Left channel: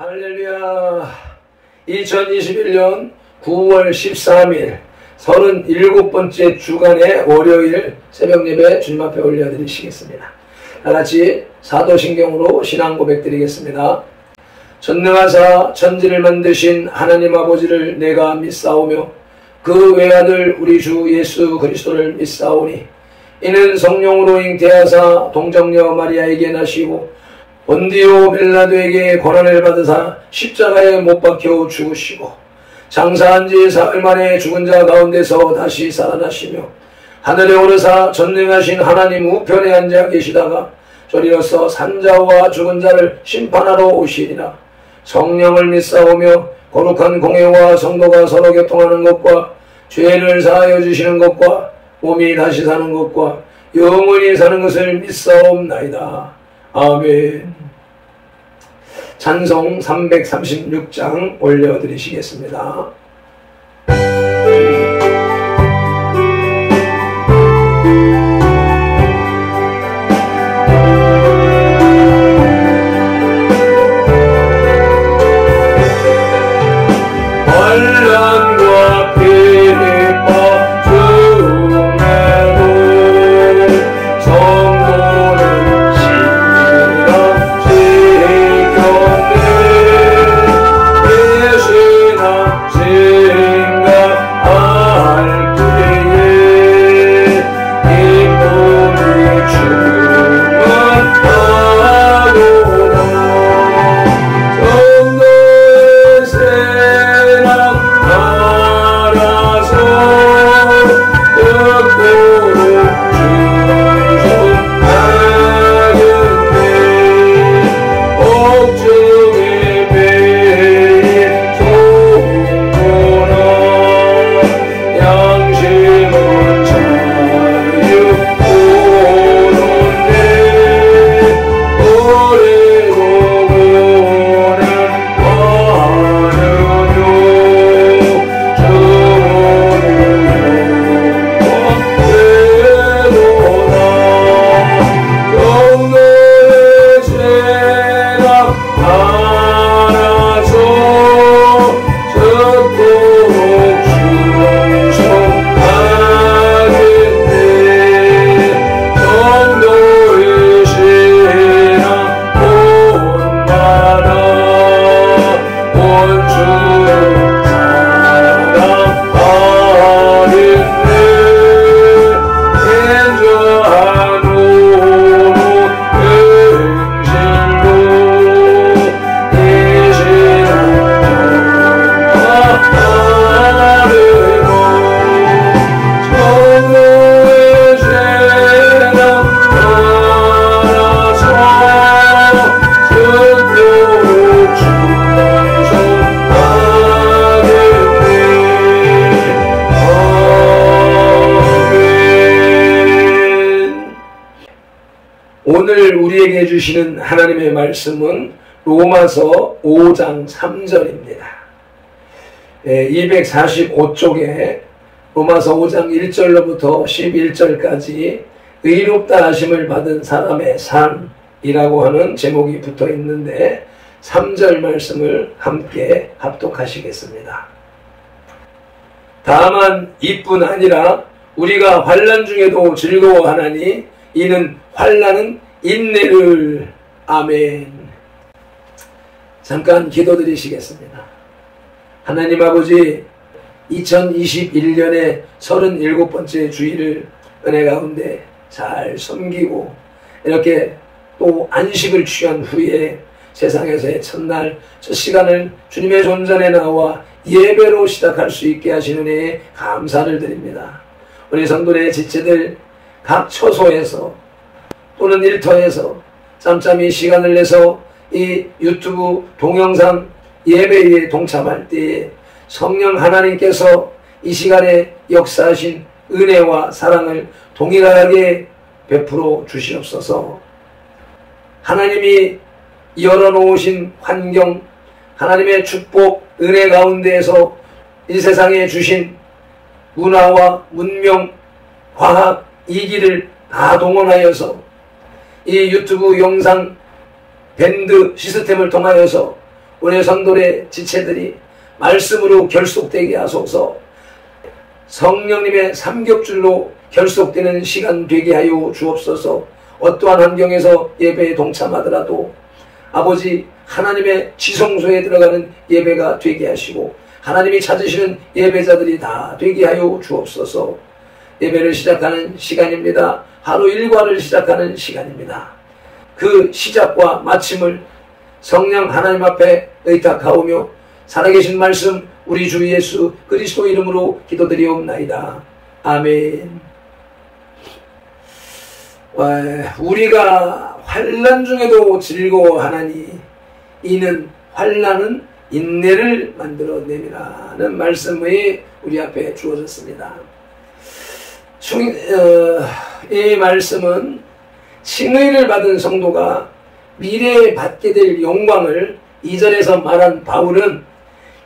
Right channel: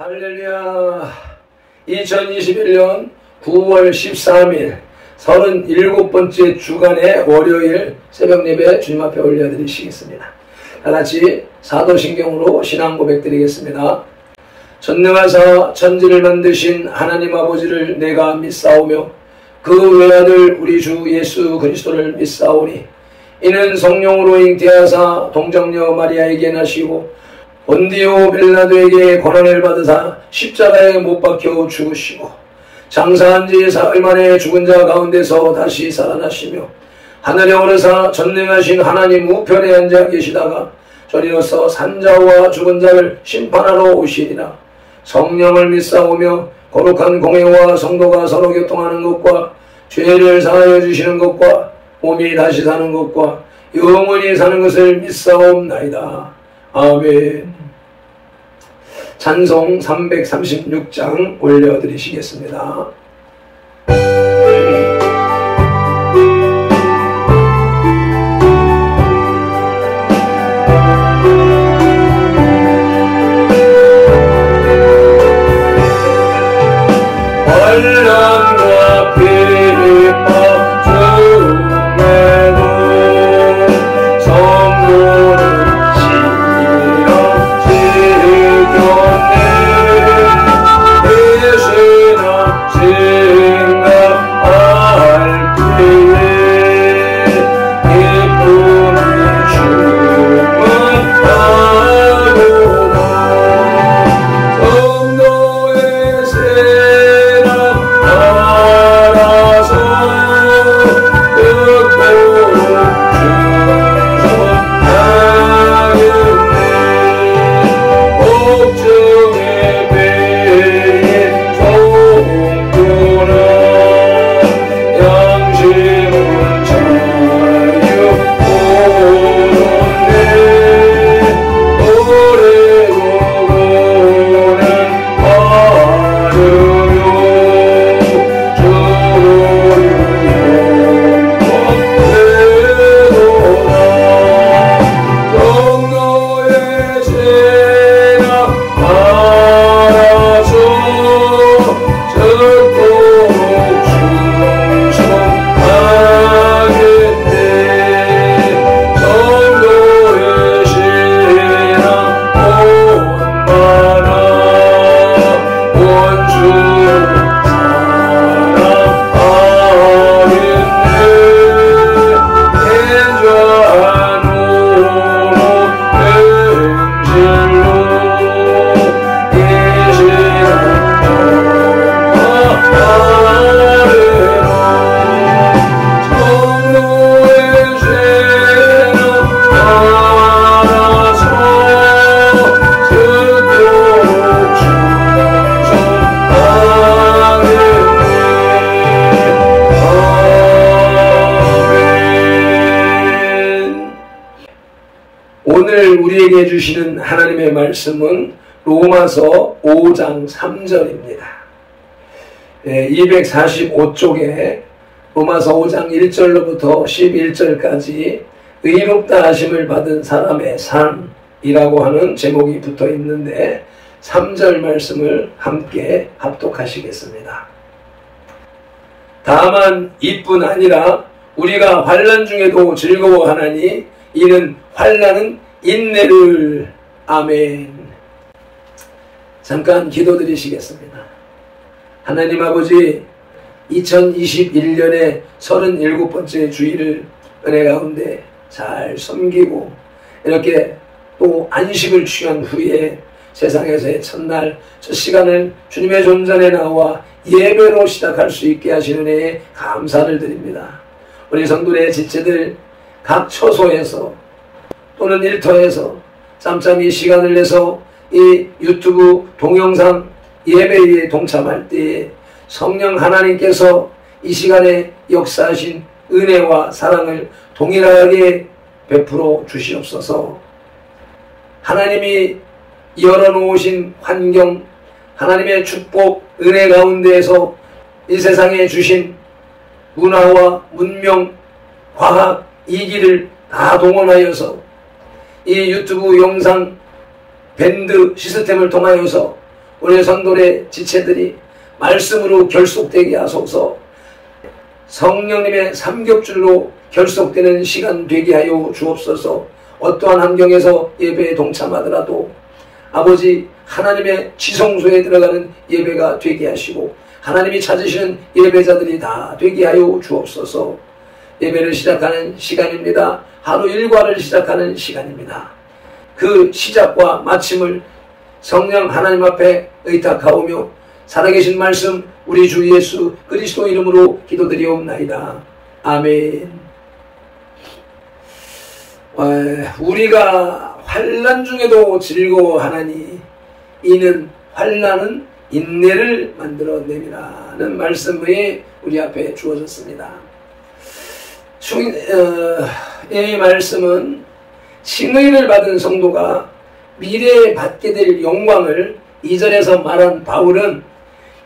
할렐루야. 2021년 9월 13일 37번째 주간의 월요일 새벽예배 주님 앞에 올려드리시겠습니다. 다같이 사도신경으로 신앙 고백드리겠습니다. 전능하사 천지를 만드신 하나님 아버지를 내가 믿사오며 그 외아들 우리 주 예수 그리스도를 믿사오니 이는 성령으로 잉태하사 동정녀 마리아에게 나시고 본디오 빌라도에게 고난을 받으사 십자가에 못 박혀 죽으시고 장사한 지 사흘 만에 죽은 자 가운데서 다시 살아나시며 하늘에 오르사 전능하신 하나님 우편에 앉아 계시다가 저리로서 산자와 죽은 자를 심판하러 오시리라. 성령을 믿사오며 거룩한 공회와 성도가 서로 교통하는 것과 죄를 사하여 주시는 것과 몸이 다시 사는 것과 영원히 사는 것을 믿사옵나이다. 아멘. 찬송 336장 올려드리시겠습니다. 오늘 우리에게 주시는 하나님의 말씀은 로마서 5장 3절입니다. 245쪽에 로마서 5장 1절로부터 11절까지 의롭다 하심을 받은 사람의 삶이라고 하는 제목이 붙어 있는데 3절 말씀을 함께 합독하시겠습니다. 다만 이뿐 아니라 우리가 환난 중에도 즐거워하나니 이는 환난은 인내를. 아멘. 잠깐 기도드리시겠습니다. 하나님 아버지, 2021년의 37번째 주일을 은혜 가운데 잘 섬기고 이렇게 또 안식을 취한 후에 세상에서의 첫날 첫 시간을 주님의 존전에 나와 예배로 시작할 수 있게 하시는 은혜에 감사를 드립니다. 우리 성도의 지체들 각 처소에서 또는 일터에서 짬짬이 시간을 내서 이 유튜브 동영상 예배에 동참할 때에 성령 하나님께서 이 시간에 역사하신 은혜와 사랑을 동일하게 베풀어 주시옵소서. 하나님이 열어놓으신 환경, 하나님의 축복, 은혜 가운데에서 이 세상에 주신 문화와 문명, 과학, 이기를 다 동원하여서 이 유튜브 영상 밴드 시스템을 통하여서 우리 성도의 지체들이 말씀으로 결속되게 하소서. 성령님의 삼겹줄로 결속되는 시간 되게 하여 주옵소서. 어떠한 환경에서 예배에 동참하더라도 아버지 하나님의 지성소에 들어가는 예배가 되게 하시고 하나님이 찾으시는 예배자들이 다 되게 하여 주옵소서. 예배를 시작하는 시간입니다. 하루 일과를 시작하는 시간입니다. 그 시작과 마침을 성령 하나님 앞에 의탁하오며 살아계신 말씀 우리 주 예수 그리스도 이름으로 기도드리옵나이다. 아멘. 우리가 환난 중에도 즐거워하나니 이는 환난은 인내를 만들어내미라는 말씀이 우리 앞에 주어졌습니다. 이 말씀은 칭의를 받은 성도가 미래에 받게 될 영광을 2절에서 말한 바울은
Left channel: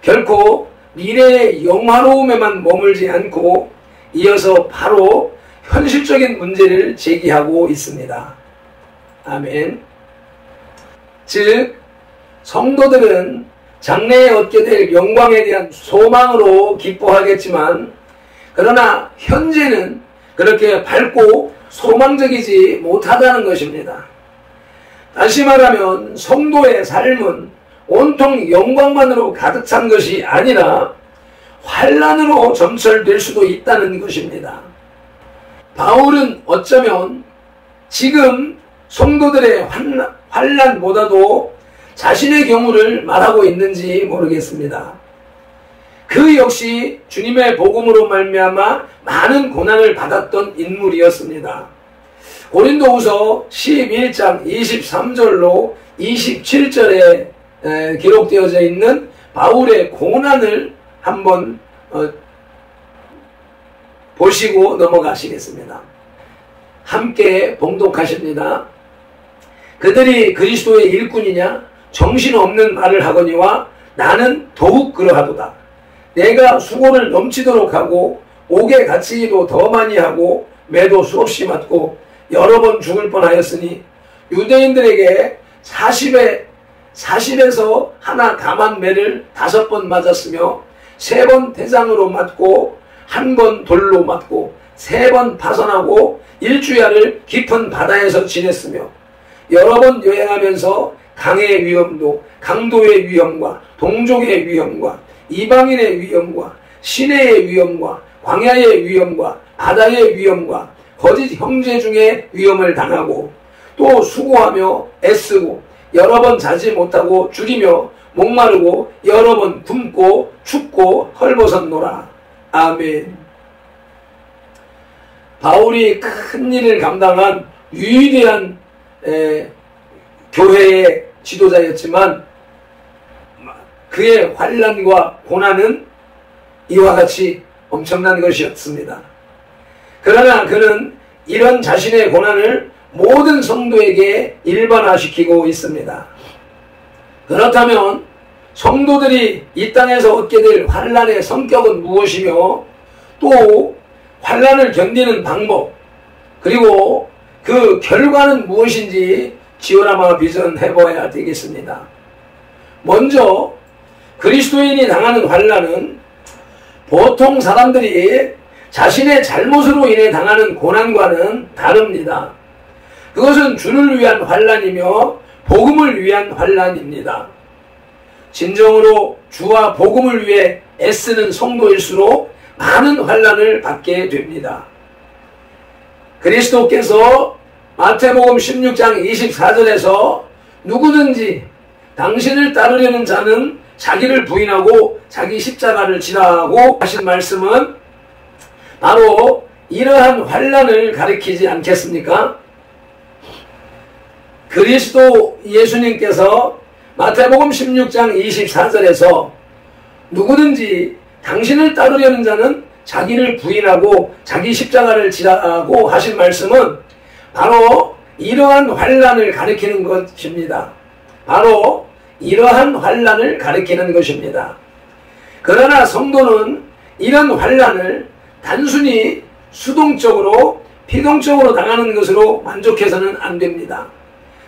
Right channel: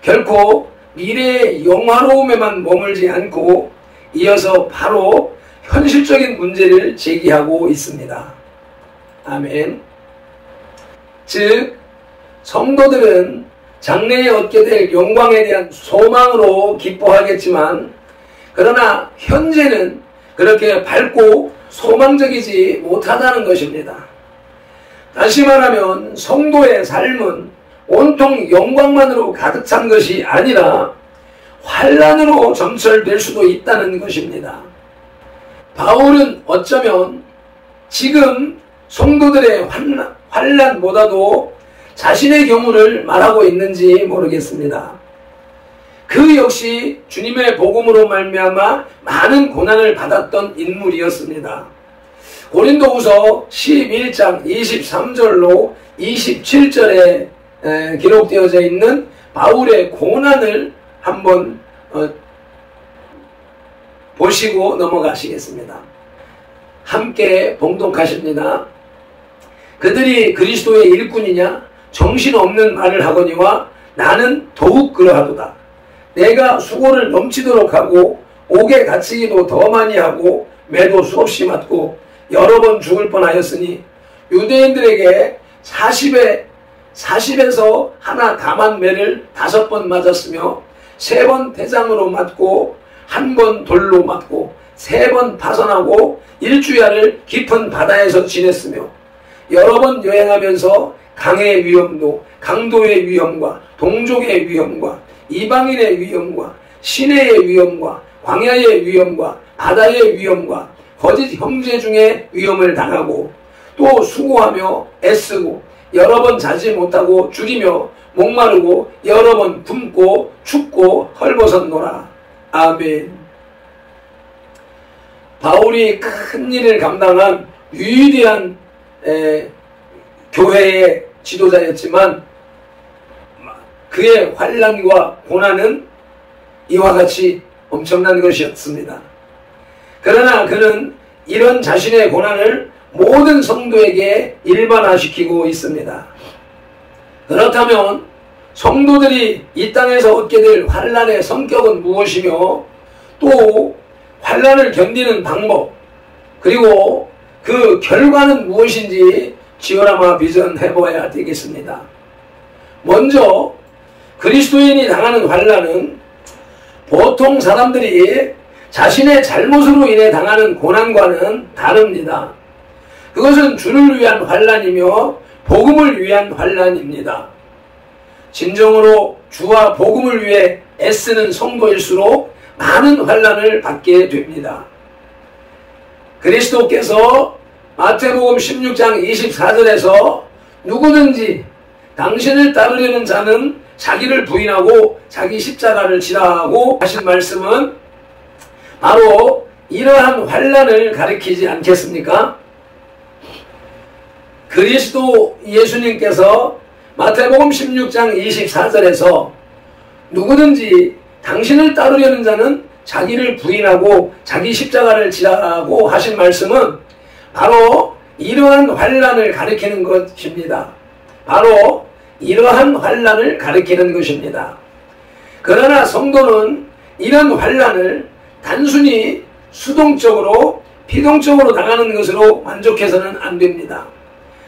결코 미래의 영화로움에만 머물지 않고 이어서 바로 현실적인 문제를 제기하고 있습니다. 아멘. 즉 성도들은 장래에 얻게 될 영광에 대한 소망으로 기뻐하겠지만 그러나 현재는 그렇게 밝고 소망적이지 못하다는 것입니다. 다시 말하면 성도의 삶은 온통 영광만으로 가득 찬 것이 아니라 환난으로 점철될 수도 있다는 것입니다. 바울은 어쩌면 지금 성도들의 환난보다도 자신의 경우를 말하고 있는지 모르겠습니다. 그 역시 주님의 복음으로 말미암아 많은 고난을 받았던 인물이었습니다. 고린도후서 11장 23절로 27절에 기록되어져 있는 바울의 고난을 한번 보시고 넘어가시겠습니다. 함께 봉독하십니다. 그들이 그리스도의 일꾼이냐 정신없는 말을 하거니와 나는 더욱 그러하도다. 내가 수고를 넘치도록 하고 옥에 갇히기도 더 많이 하고 매도 수없이 맞고 여러 번 죽을 뻔하였으니 유대인들에게 40에서 하나 감한 매를 5번 맞았으며 3번 대장으로 맞고 1번 돌로 맞고 3번 파선하고 일주야를 깊은 바다에서 지냈으며 여러 번 여행하면서 강의 위험도 강도의 위험과 동족의 위험과 이방인의 위험과 시내의 위험과 광야의 위험과 바다의 위험과 거짓 형제 중에 위험을 당하고 또 수고하며 애쓰고 여러 번 자지 못하고 죽이며 목마르고 여러 번 굶고 춥고 헐벗었노라. 아멘. 바울이 큰 일을 감당한 위대한 교회의 지도자였지만 그의 환난과 고난은 이와 같이 엄청난 것이었습니다. 그러나 그는 이런 자신의 고난을 모든 성도에게 일반화시키고 있습니다. 그렇다면 성도들이 이 땅에서 얻게 될 환난의 성격은 무엇이며 또 환난을 견디는 방법 그리고 그 결과는 무엇인지 지오라마 비전해봐야 되겠습니다. 먼저 그리스도인이 당하는 환난은 보통 사람들이 자신의 잘못으로 인해 당하는 고난과는 다릅니다. 그것은 주를 위한 환난이며 복음을 위한 환난입니다. 진정으로 주와 복음을 위해 애쓰는 성도일수록 많은 환난을 받게 됩니다. 그리스도께서 마태복음 16장 24절에서 누구든지 당신을 따르려는 자는 자기를 부인하고 자기 십자가를 지라고 하신 말씀은 바로 이러한 환난을 가리키지 않겠습니까? 그리스도 예수님께서 마태복음 16장 24절에서 누구든지 당신을 따르려는 자는 자기를 부인하고 자기 십자가를 지라고 하신 말씀은 바로 이러한 환난을 가리키는 것입니다. 바로 이러한 환난을 가리키는 것입니다. 그러나 성도는 이런 환난을 단순히 수동적으로 피동적으로 당하는 것으로 만족해서는 안 됩니다.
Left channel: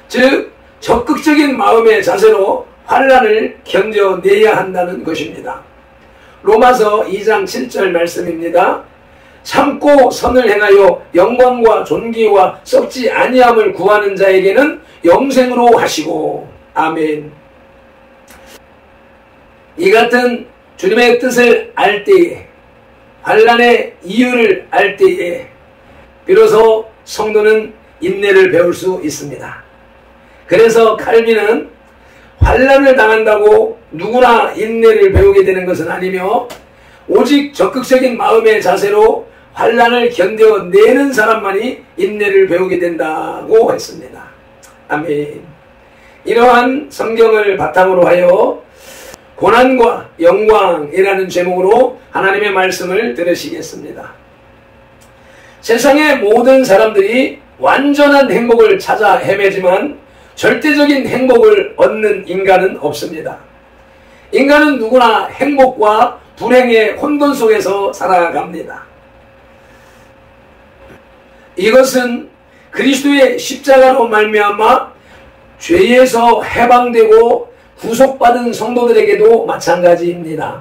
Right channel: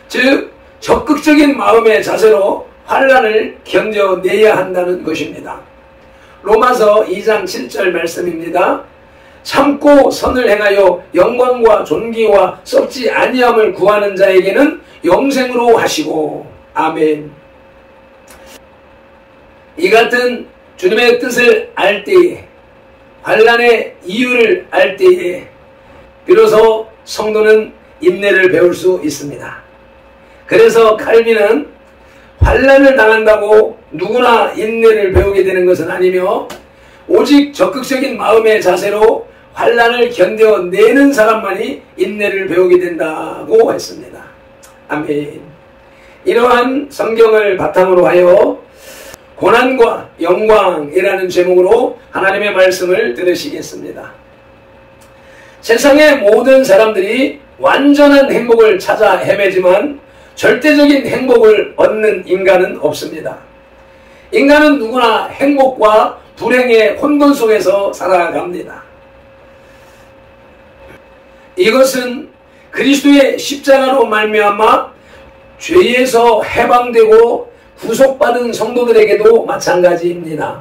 즉 적극적인 마음의 자세로 환난을 견뎌내야 한다는 것입니다. 로마서 2장 7절 말씀입니다. 참고 선을 행하여 영광과 존귀와 썩지 아니함을 구하는 자에게는 영생으로 하시고. 아멘. 이 같은 주님의 뜻을 알 때에, 환난의 이유를 알 때에 비로소 성도는 인내를 배울 수 있습니다. 그래서 칼빈은 환난을 당한다고 누구나 인내를 배우게 되는 것은 아니며 오직 적극적인 마음의 자세로 환난을 견뎌내는 사람만이 인내를 배우게 된다고 했습니다. 아멘. 이러한 성경을 바탕으로 하여 고난과 영광이라는 제목으로 하나님의 말씀을 들으시겠습니다. 세상의 모든 사람들이 완전한 행복을 찾아 헤매지만 절대적인 행복을 얻는 인간은 없습니다. 인간은 누구나 행복과 불행의 혼돈 속에서 살아갑니다. 이것은 그리스도의 십자가로 말미암아 죄에서 해방되고 구속받은 성도들에게도 마찬가지입니다.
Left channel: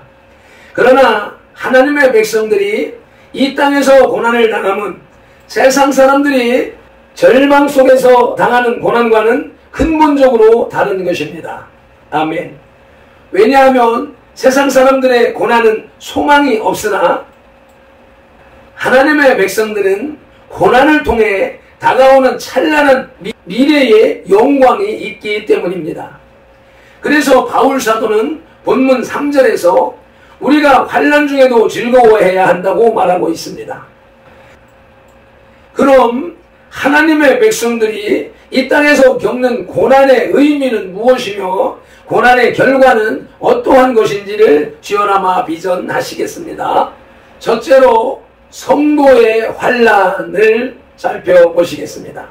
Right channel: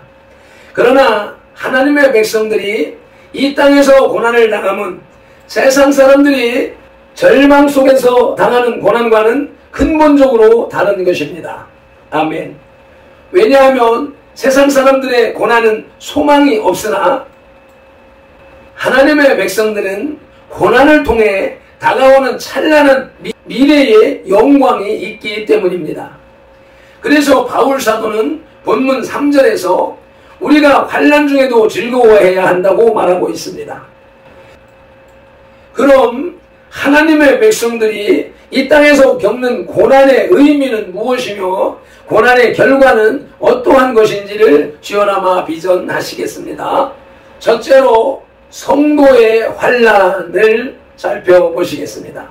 그러나 하나님의 백성들이 이 땅에서 고난을 당하면 세상 사람들이 절망 속에서 당하는 고난과는 근본적으로 다른 것입니다. 아멘. 왜냐하면 세상 사람들의 고난은 소망이 없으나 하나님의 백성들은 고난을 통해 다가오는 찬란한 미래의 영광이 있기 때문입니다. 그래서 바울 사도는 본문 3절에서 우리가 환난 중에도 즐거워해야 한다고 말하고 있습니다. 그럼 하나님의 백성들이 이 땅에서 겪는 고난의 의미는 무엇이며 고난의 결과는 어떠한 것인지를 지어나마 비전하시겠습니다. 첫째로 성도의 환난을 살펴보시겠습니다.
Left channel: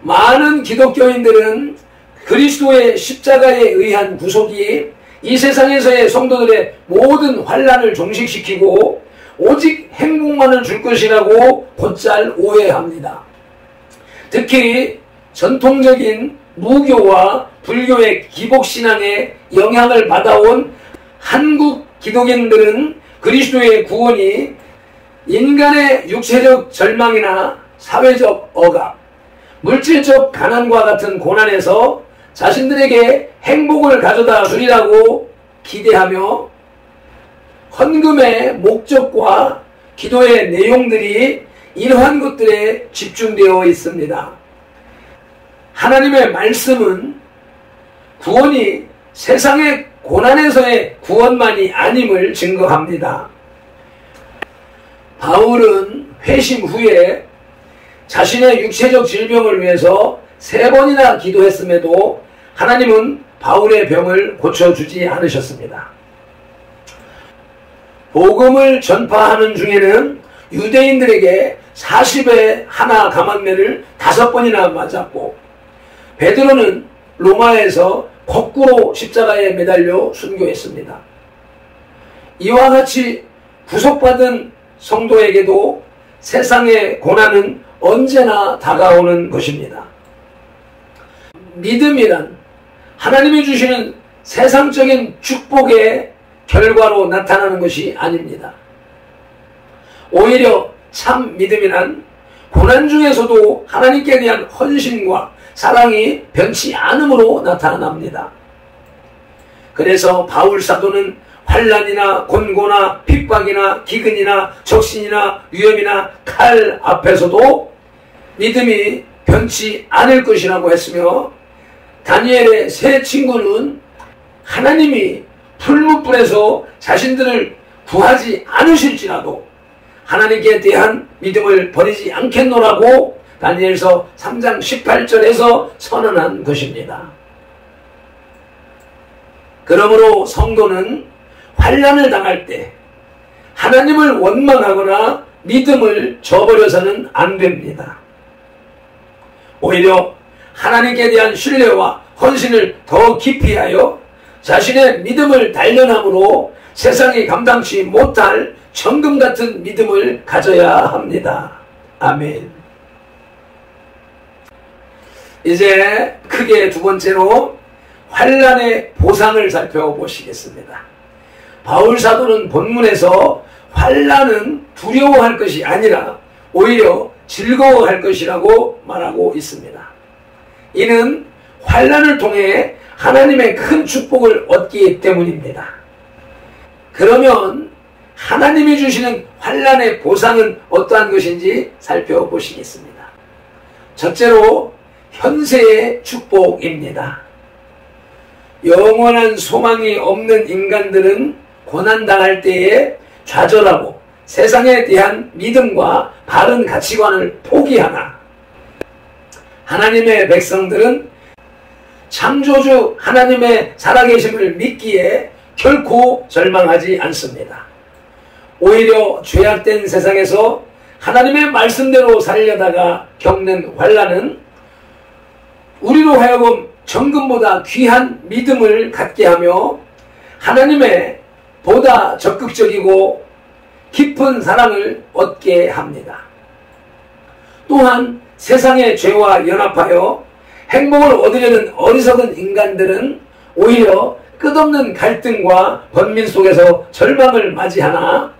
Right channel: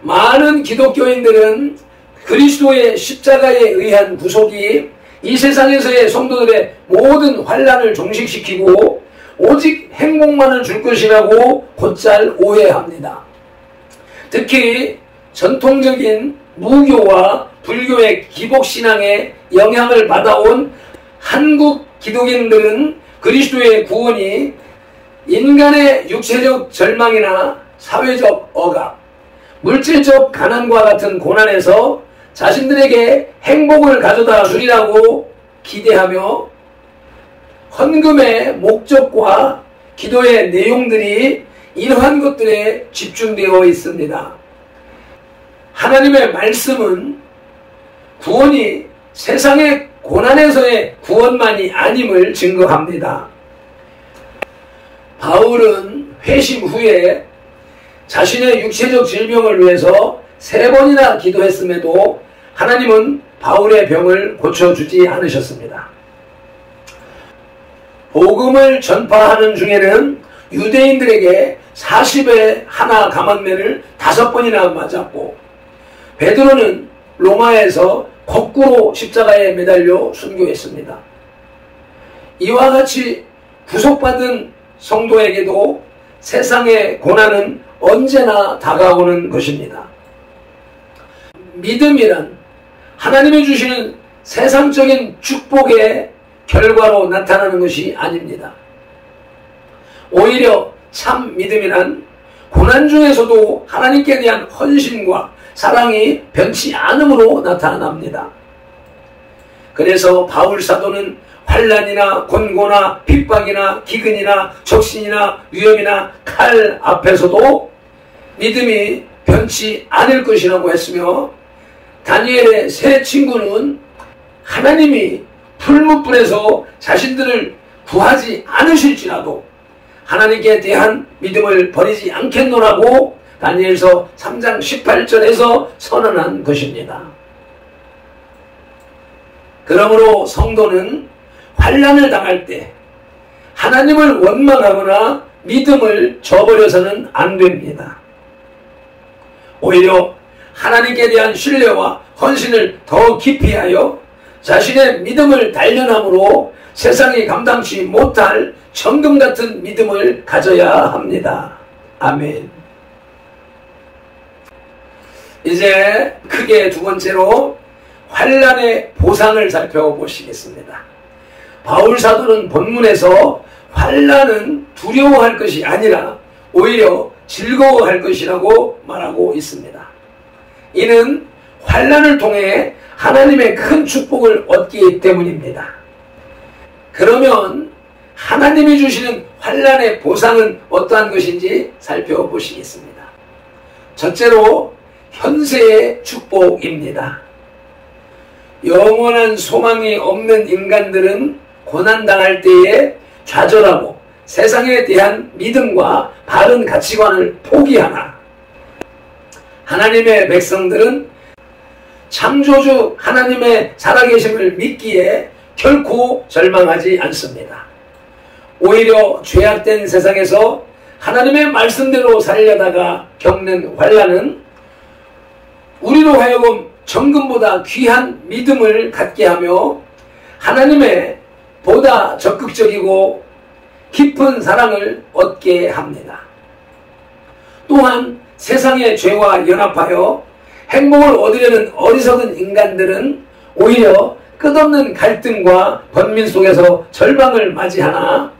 많은 기독교인들은 그리스도의 십자가에 의한 구속이 이 세상에서의 성도들의 모든 환난을 종식시키고 오직 행복만을 줄 것이라고 곧잘 오해합니다. 특히 전통적인 무교와 불교의 기복신앙에 영향을 받아온 한국 기독인들은 그리스도의 구원이 인간의 육체적 절망이나 사회적 억압, 물질적 가난과 같은 고난에서 자신들에게 행복을 가져다 주리라고 기대하며 헌금의 목적과 기도의 내용들이 이러한 것들에 집중되어 있습니다. 하나님의 말씀은 구원이 세상의 고난에서의 구원만이 아님을 증거합니다. 바울은 회심 후에 자신의 육체적 질병을 위해서 3번이나 기도했음에도 하나님은 바울의 병을 고쳐주지 않으셨습니다. 복음을 전파하는 중에는 유대인들에게 40에 하나 감한매를 5번이나 맞았고 베드로는 로마에서 거꾸로 십자가에 매달려 순교했습니다. 이와 같이 구속받은 성도에게도 세상의 고난은 언제나 다가오는 것입니다. 믿음이란 하나님이 주시는 세상적인 축복의 결과로 나타나는 것이 아닙니다. 오히려 참 믿음이란 고난 중에서도 하나님께 대한 헌신과 사랑이 변치 않음으로 나타납니다. 그래서 바울 사도는 환난이나 곤고나 핍박이나 기근이나 적신이나 위험이나 칼 앞에서도 믿음이 변치 않을 것이라고 했으며 다니엘의 세 친구는 하나님이 풀무불에서 자신들을 구하지 않으실지라도 하나님께 대한 믿음을 버리지 않겠노라고 다니엘서 3장 18절에서 선언한 것입니다. 그러므로 성도는 환난을 당할 때 하나님을 원망하거나 믿음을 저버려서는 안 됩니다. 오히려 하나님께 대한 신뢰와 헌신을 더 깊이 하여 자신의 믿음을 단련함으로 세상이 감당치 못할 정금 같은 믿음을 가져야 합니다. 아멘. 이제 크게 두 번째로 환난의 보상을 살펴보시겠습니다. 바울 사도는 본문에서 환난은 두려워할 것이 아니라 오히려 즐거워할 것이라고 말하고 있습니다. 이는 환난을 통해 하나님의 큰 축복을 얻기 때문입니다. 그러면 하나님이 주시는 환난의 보상은 어떠한 것인지 살펴보시겠습니다. 첫째로 현세의 축복입니다. 영원한 소망이 없는 인간들은 고난당할 때에 좌절하고 세상에 대한 믿음과 바른 가치관을 포기하나 하나님의 백성들은 창조주 하나님의 살아계심을 믿기에 결코 절망하지 않습니다. 오히려 죄악된 세상에서 하나님의 말씀대로 살려다가 겪는 환난은 우리로 하여금 정금보다 귀한 믿음을 갖게 하며 하나님의 보다 적극적이고 깊은 사랑을 얻게 합니다. 또한 세상의 죄와 연합하여 행복을 얻으려는 어리석은 인간들은 오히려 끝없는 갈등과 번민 속에서 절망을 맞이하나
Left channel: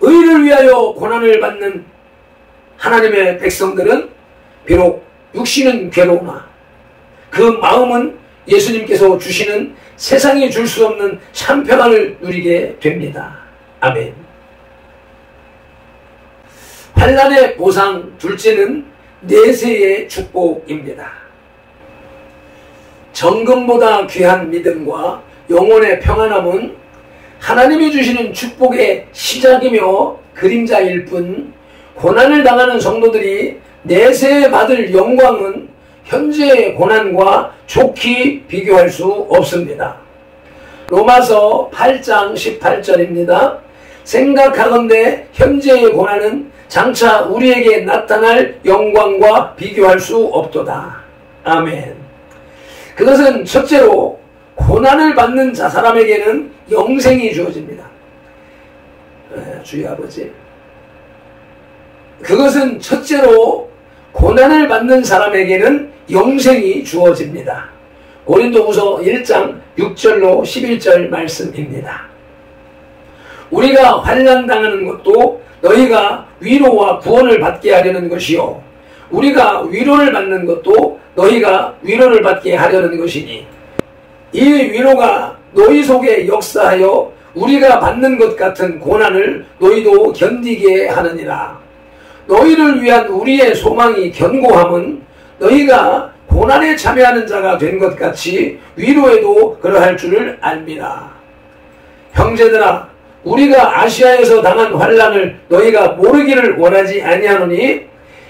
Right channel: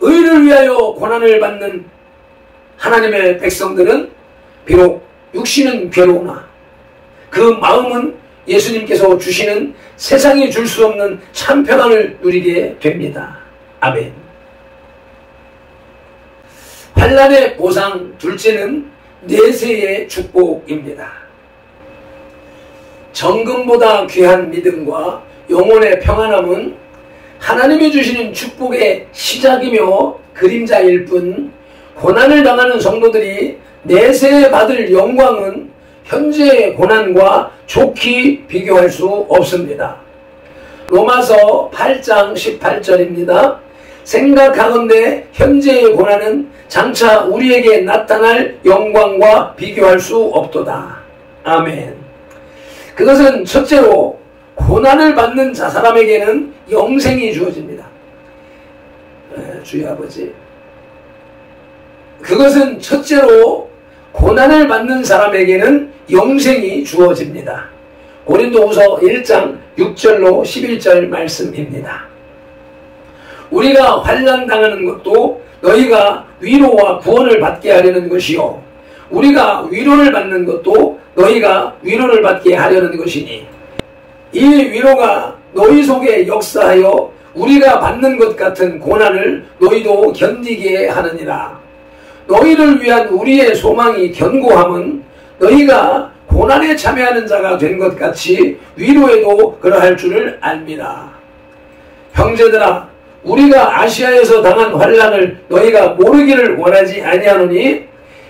의를 위하여 고난을 받는 하나님의 백성들은 비록 육신은 괴로우나 그 마음은 예수님께서 주시는 세상이 줄 수 없는 참 평안을 누리게 됩니다. 아멘. 환난의 보상 둘째는 내세의 축복입니다. 정금보다 귀한 믿음과 영혼의 평안함은 하나님이 주시는 축복의 시작이며 그림자일 뿐 고난을 당하는 성도들이 내세에 받을 영광은 현재의 고난과 좋게 비교할 수 없습니다. 로마서 8장 18절입니다. 생각하건대 현재의 고난은 장차 우리에게 나타날 영광과 비교할 수 없도다. 아멘. 그것은 첫째로 고난을 받는 자 사람에게는 영생이 주어집니다. 주의 아버지. 그것은 첫째로 고난을 받는 사람에게는 영생이 주어집니다. 고린도후서 1장 6절로 11절 말씀입니다. 우리가 환난당하는 것도 너희가 위로와 구원을 받게 하려는 것이요 우리가 위로를 받는 것도 너희가 위로를 받게 하려는 것이니 이 위로가 너희 속에 역사하여 우리가 받는 것 같은 고난을 너희도 견디게 하느니라. 너희를 위한 우리의 소망이 견고함은 너희가 고난에 참여하는 자가 된 것 같이 위로에도 그러할 줄을 알미라. 형제들아, 우리가 아시아에서 당한 환난을 너희가 모르기를 원하지 아니하노니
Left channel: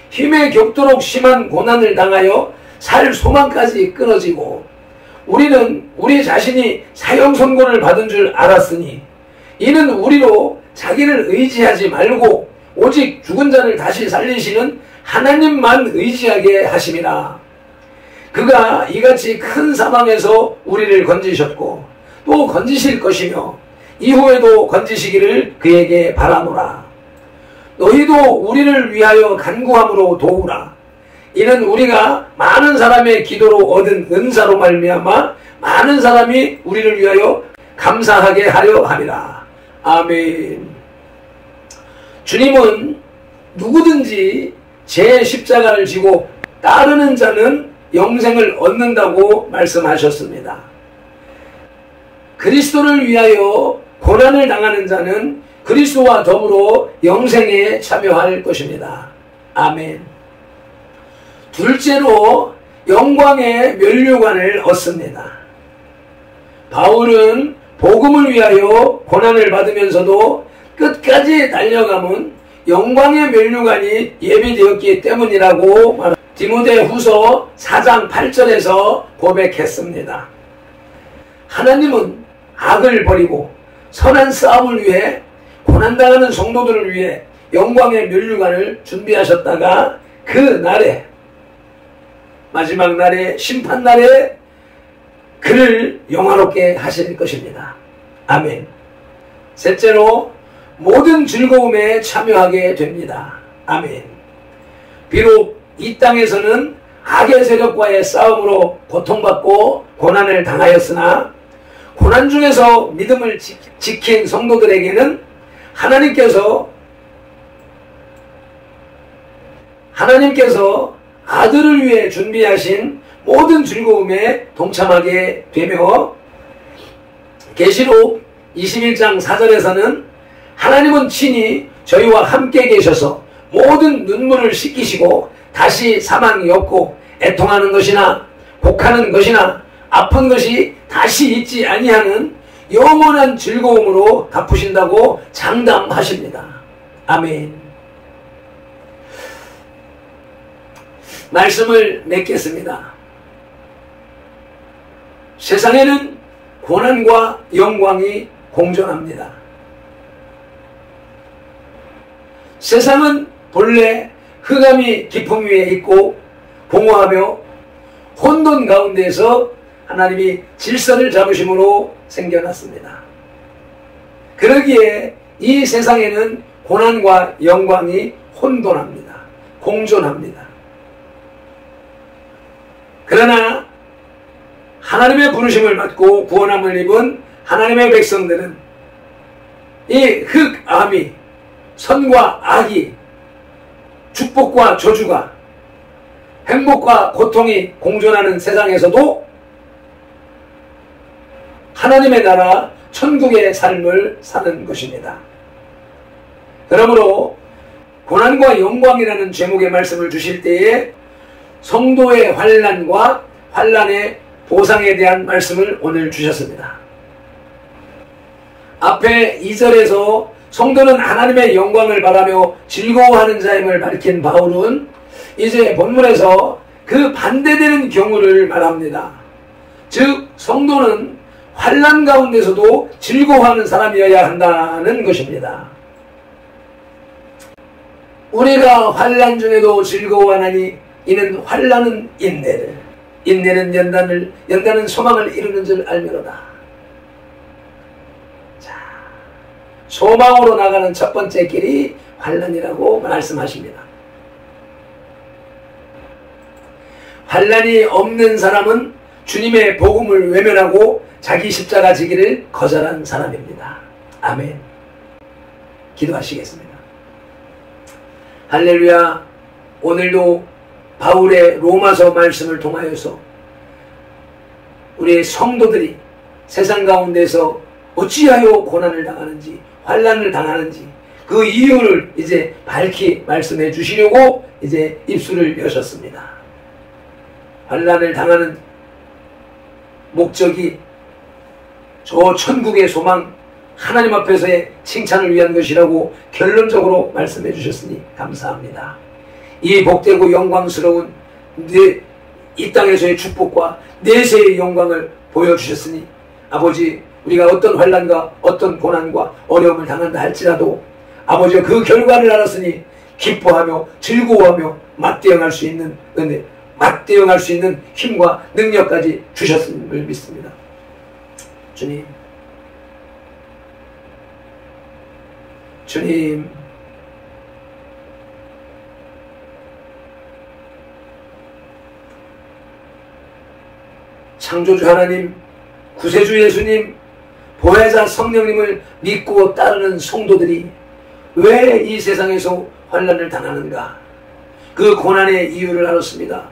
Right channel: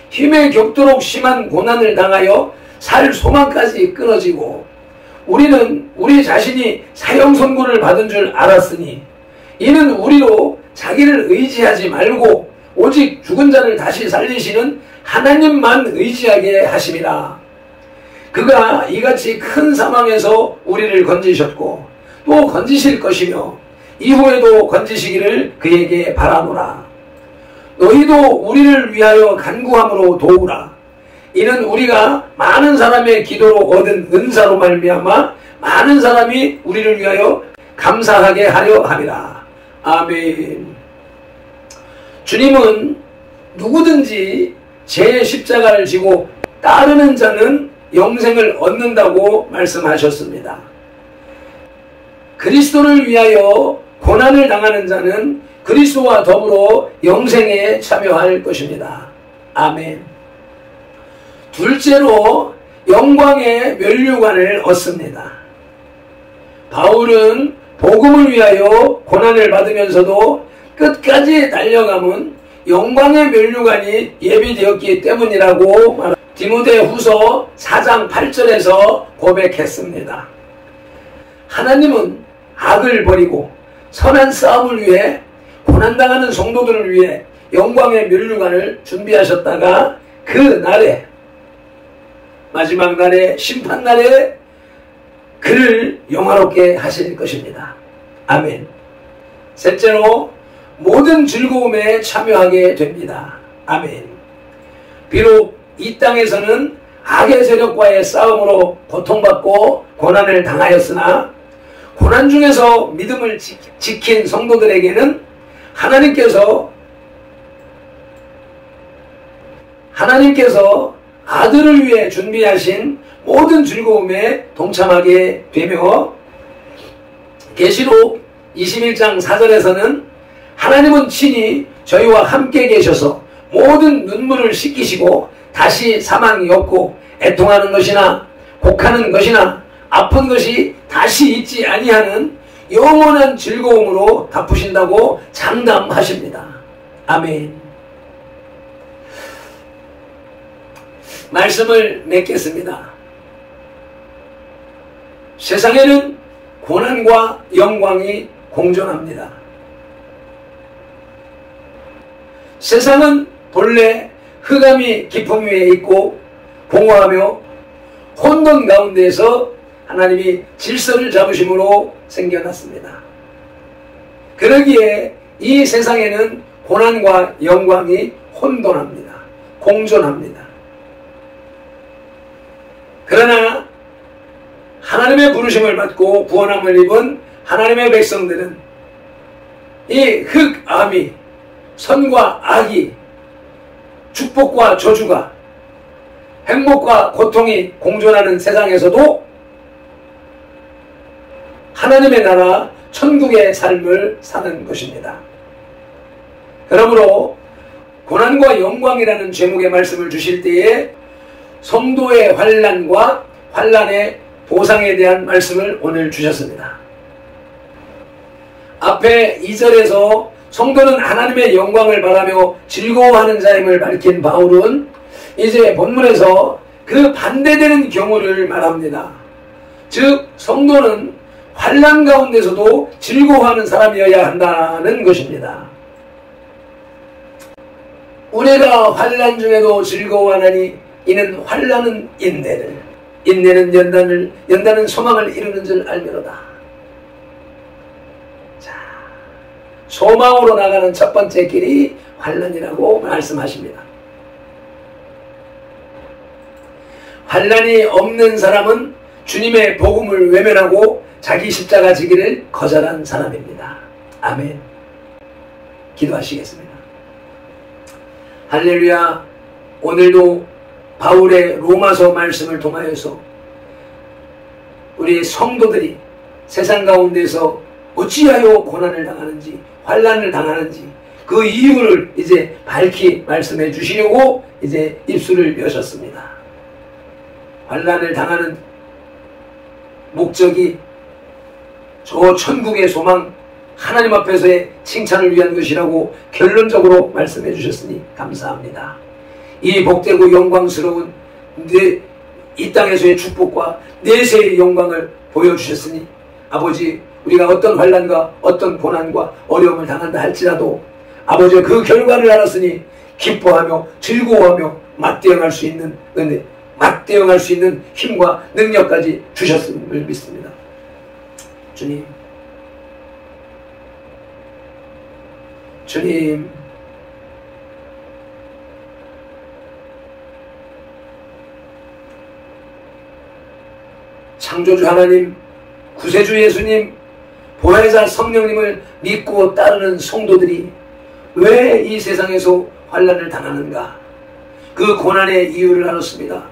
힘에 격도록 심한 고난을 당하여 살 소망까지 끊어지고 우리는 우리 자신이 사형 선고를 받은 줄 알았으니 이는 우리로 자기를 의지하지 말고 오직 죽은 자를 다시 살리시는 하나님만 의지하게 하심이라. 그가 이같이 큰 사망에서 우리를 건지셨고 또 건지실 것이며 이후에도 건지시기를 그에게 바라노라. 너희도 우리를 위하여 간구함으로 도우라. 이는 우리가 많은 사람의 기도로 얻은 은사로 말미암아 많은 사람이 우리를 위하여 감사하게 하려 함이라. 아멘. 주님은 누구든지 제 십자가를 지고 따르는 자는 영생을 얻는다고 말씀하셨습니다. 그리스도를 위하여 고난을 당하는 자는 그리스도와 더불어 영생에 참여할 것입니다. 아멘. 둘째로 영광의 면류관을 얻습니다. 바울은 복음을 위하여 고난을 받으면서도 끝까지 달려감은 영광의 면류관이 예비되었기 때문이라고 말합니다. 디모데후서 4장 8절에서 고백했습니다. 하나님은 악을 버리고 선한 싸움을 위해 고난당하는 성도들을 위해 영광의 면류관을 준비하셨다가 그 날에 마지막 날에 심판날에 그를 영화롭게 하실 것입니다. 아멘. 셋째로 모든 즐거움에 참여하게 됩니다. 아멘. 비록 이 땅에서는 악의 세력과의 싸움으로 고통받고 고난을 당하였으나 고난 중에서 믿음을 지킨 성도들에게는 하나님께서 아들을 위해 준비하신 모든 즐거움에 동참하게 되며 계시록 21장 4절에서는 하나님은 친히 저희와 함께 계셔서 모든 눈물을 씻기시고 다시 사망이 없고 애통하는 것이나 곡하는 것이나 아픈 것이 다시 있지 아니하는 영원한 즐거움으로 갚으신다고 장담하십니다. 아멘. 말씀을 맺겠습니다. 세상에는 고난과 영광이 공존합니다. 세상은 본래 흑암이 깊음 위에 있고 공허하며 혼돈 가운데에서 하나님이 질서를 잡으심으로 생겨났습니다. 그러기에 이 세상에는 고난과 영광이 혼돈합니다. 공존합니다. 그러나 하나님의 부르심을 받고 구원함을 입은 하나님의 백성들은 이 흑암이 선과 악이 축복과 저주가 행복과 고통이 공존하는 세상에서도 하나님의 나라 천국의 삶을 사는 것입니다. 그러므로 고난과 영광이라는 제목의 말씀을 주실 때에 성도의 환난과 환난의 보상에 대한 말씀을 오늘 주셨습니다. 앞에 2절에서 성도는 하나님의 영광을 바라며 즐거워하는 자임을 밝힌 바울은 이제 본문에서 그 반대되는 경우를 말합니다. 즉 성도는 환난 가운데서도 즐거워하는 사람이어야 한다는 것입니다. 우리가 환난 중에도 즐거워하나니 이는 환난은 인내를, 인내는 연단은 소망을 이루는 줄 알미로다. 자, 소망으로 나가는 첫 번째 길이 환난이라고 말씀하십니다. 환난이 없는 사람은 주님의 복음을 외면하고 자기 십자가 지기를 거절한 사람입니다. 아멘. 기도하시겠습니다. 할렐루야. 오늘도 바울의 로마서 말씀을 통하여서 우리 성도들이 세상 가운데서 어찌하여 고난을 당하는지 환난을 당하는지 그 이유를 이제 밝히 말씀해 주시려고 이제 입술을 여셨습니다. 환난을 당하는 목적이 저 천국의 소망 하나님 앞에서의 칭찬을 위한 것이라고 결론적으로 말씀해 주셨으니 감사합니다. 이 복되고 영광스러운 이 땅에서의 축복과 내세의 영광을 보여주셨으니 아버지 우리가 어떤 환난과 어떤 고난과 어려움을 당한다 할지라도 아버지 그 결과를 알았으니 기뻐하며 즐거워하며 맞대응할 수 있는 은혜 맞대응할 수 있는 힘과 능력까지 주셨음을 믿습니다. 주님 창조주 하나님, 구세주 예수님, 보혜자 성령님을 믿고 따르는 성도들이 왜 이 세상에서 환난을 당하는가? 그 고난의 이유를 알았습니다.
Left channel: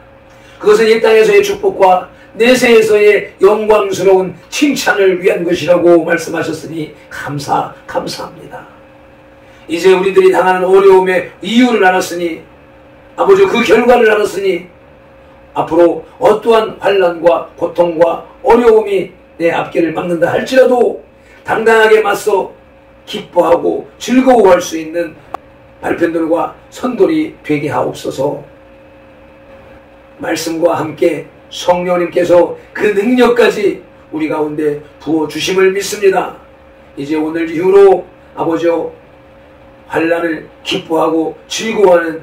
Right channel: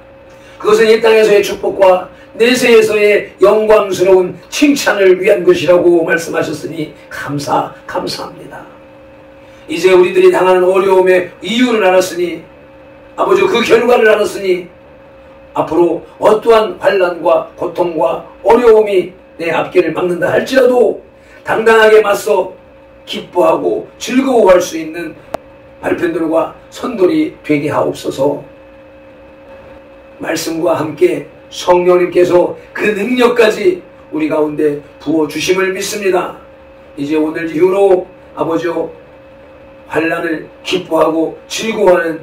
그것은 이 땅에서의 축복과 내세에서의 영광스러운 칭찬을 위한 것이라고 말씀하셨으니 감사합니다. 이제 우리들이 당하는 어려움의 이유를 알았으니 아버지 그 결과를 알았으니 앞으로 어떠한 환난과 고통과 어려움이 내 앞길을 막는다 할지라도 당당하게 맞서 기뻐하고 즐거워할 수 있는 발편들과 선돌이 되게 하옵소서. 말씀과 함께 성령님께서 그 능력까지 우리 가운데 부어주심을 믿습니다. 이제 오늘 이후로 아버지여 환난을 기뻐하고 즐거워하는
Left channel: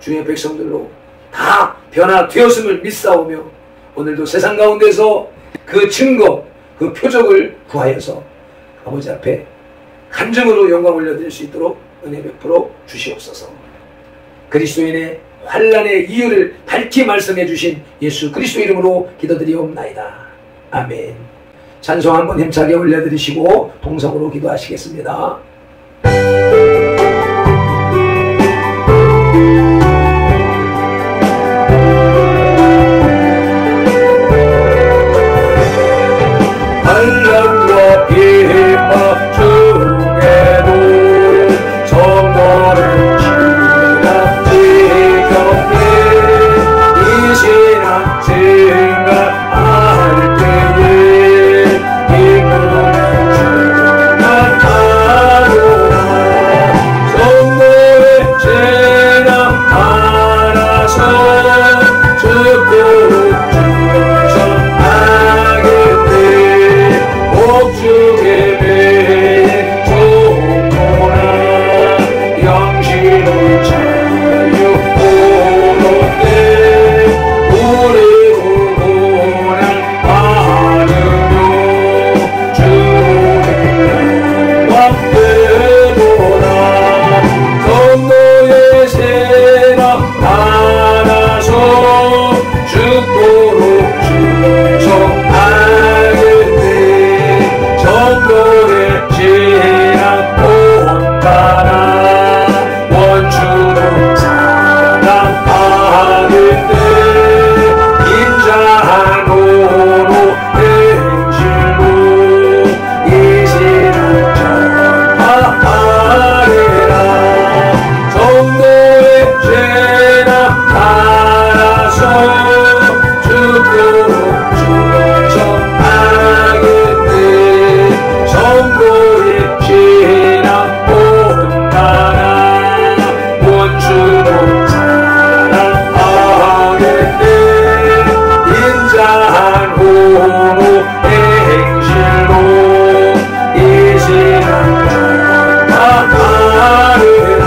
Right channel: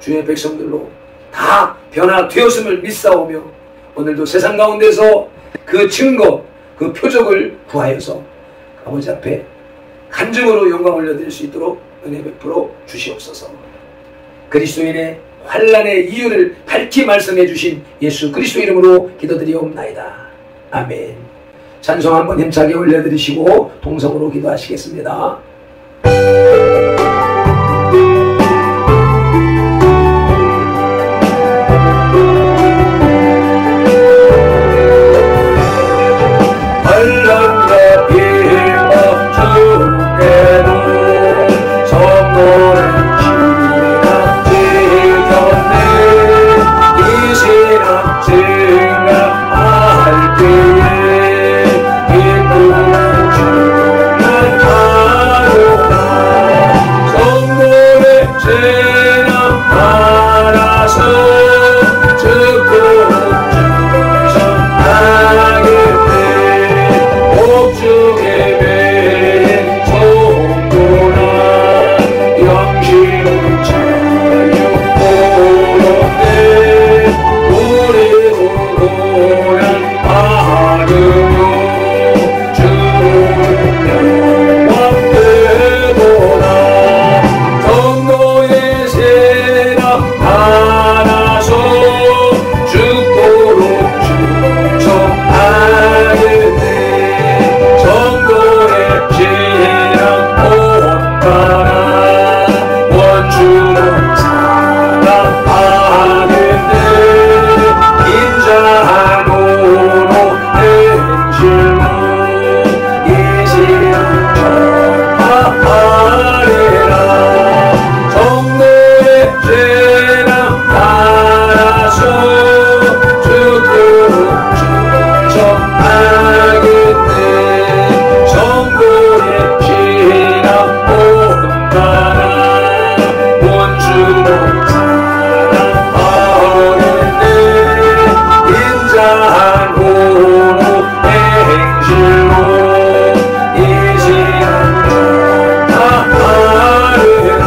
주의 백성들로 다 변화되었음을 믿사오며 오늘도 세상 가운데서 그 증거, 그 표적을 구하여서 아버지 앞에 간증으로 영광 올려드릴 수 있도록 은혜 베풀어 주시옵소서. 그리스도인의 환난의 이유를 밝히 말씀해 주신 예수 그리스도 이름으로 기도드리옵나이다. 아멘. 찬송 한번 힘차게 올려드리시고 동성으로 기도하시겠습니다. 환난과 핍박 중에도 성도를 지켰네. 이 신앙 증가할 때에 기쁨을 충만하노라. 성도의 신앙 따라서 죽도록 주셨나겠네. 복주의 배에 성도라 영심을 자유로웠네. 우리도 고난 받으며 주를 영광되도다. 성도의 신앙 따라서 죽도록 주셨나겠네. 성도의 신앙 온전한 원주는 사랑하겠네. 인자하노로 행실로 이 신앙 전파하리라. 성도의 신앙 따라서 죽도록 주셨나겠네. 성도의 신앙 온전한 원주로 사랑하겠네. 인자하노로 행실로 이 신앙 전파하리라.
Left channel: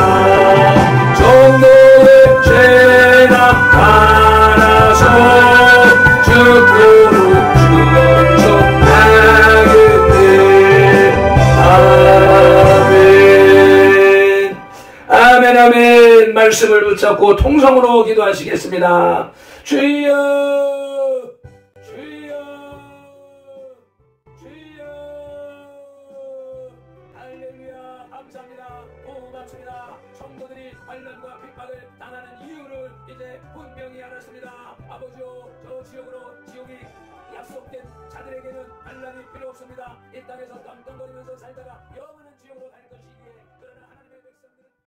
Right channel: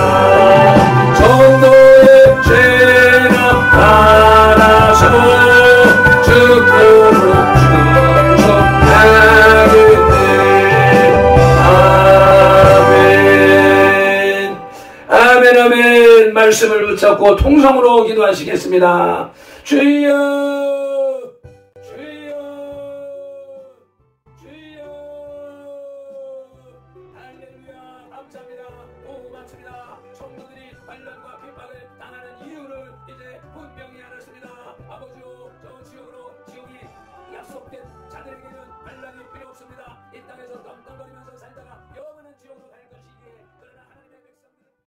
성도의 신앙 따라서 죽도록 주셨나겠네. 아멘. 아멘 아멘. 말씀을 붙잡고 통성으로 기도하시겠습니다. 주여 주여 주여. 할렐루야. 감사합니다. 고맙습니다. 성도들이 환난과 핍박을 당하는 이유를 이제 분명히 알았습니다. 아버지요, 저 지역으로 지옥이 약속된 자들에게는 환난이 필요 없습니다. 이 땅에서 떵떵거리면서 살다가 영원한 지옥으로